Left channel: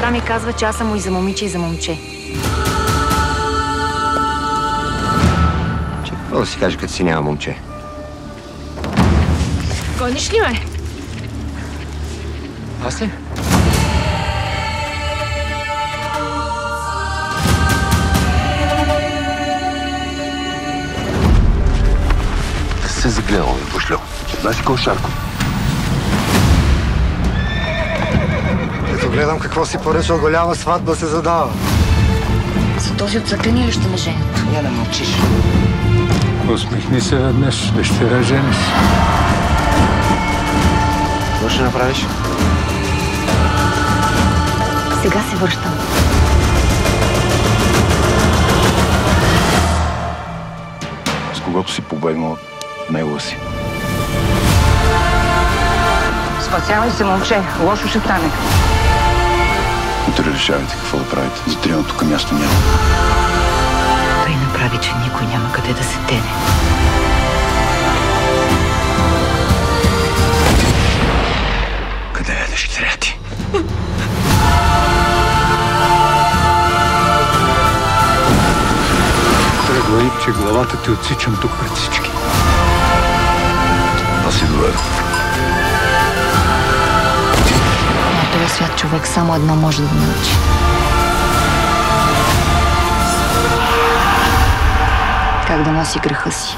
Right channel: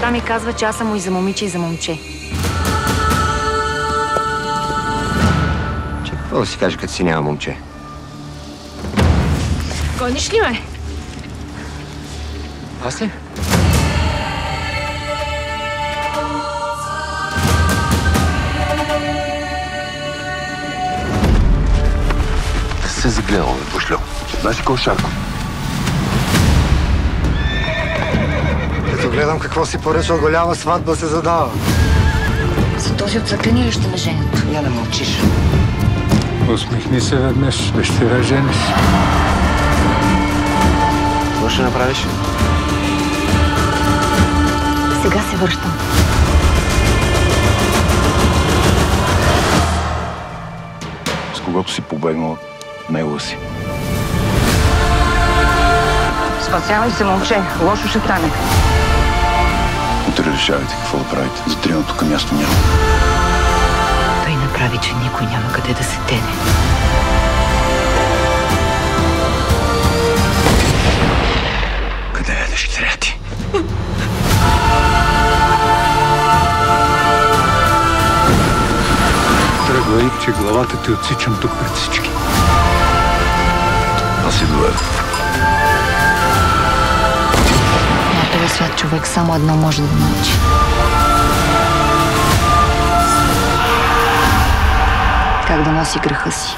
Баща ми казва, че аз съм му и за момиче, и за момче. Че какво да си каже, като си няма момче? Гониш ли ме? Аз ли? Се загледал, бе, пошлю. Знаеш ли кой е Шарко? Като гледам какво си поръчал, голяма сватба се задава. За този отцъклени ли ще ме женят? Я да мълчиш. Усмихни се веднъж, дъщеря жениш. Какво ще направиш? Сега се връщам. С когото си побегнал, него си. Спасявай се, момче. Лошо ще стане. Утре решавайте какво да правите. За трима тук място няма. Той направи, че никой няма къде да се тене. Къде е дъщеря ти? Тръгвай, че главата ти отсичам тук пред всички. Аз си доведох. На този свят човек само едно може да научи. Как да носи греха си.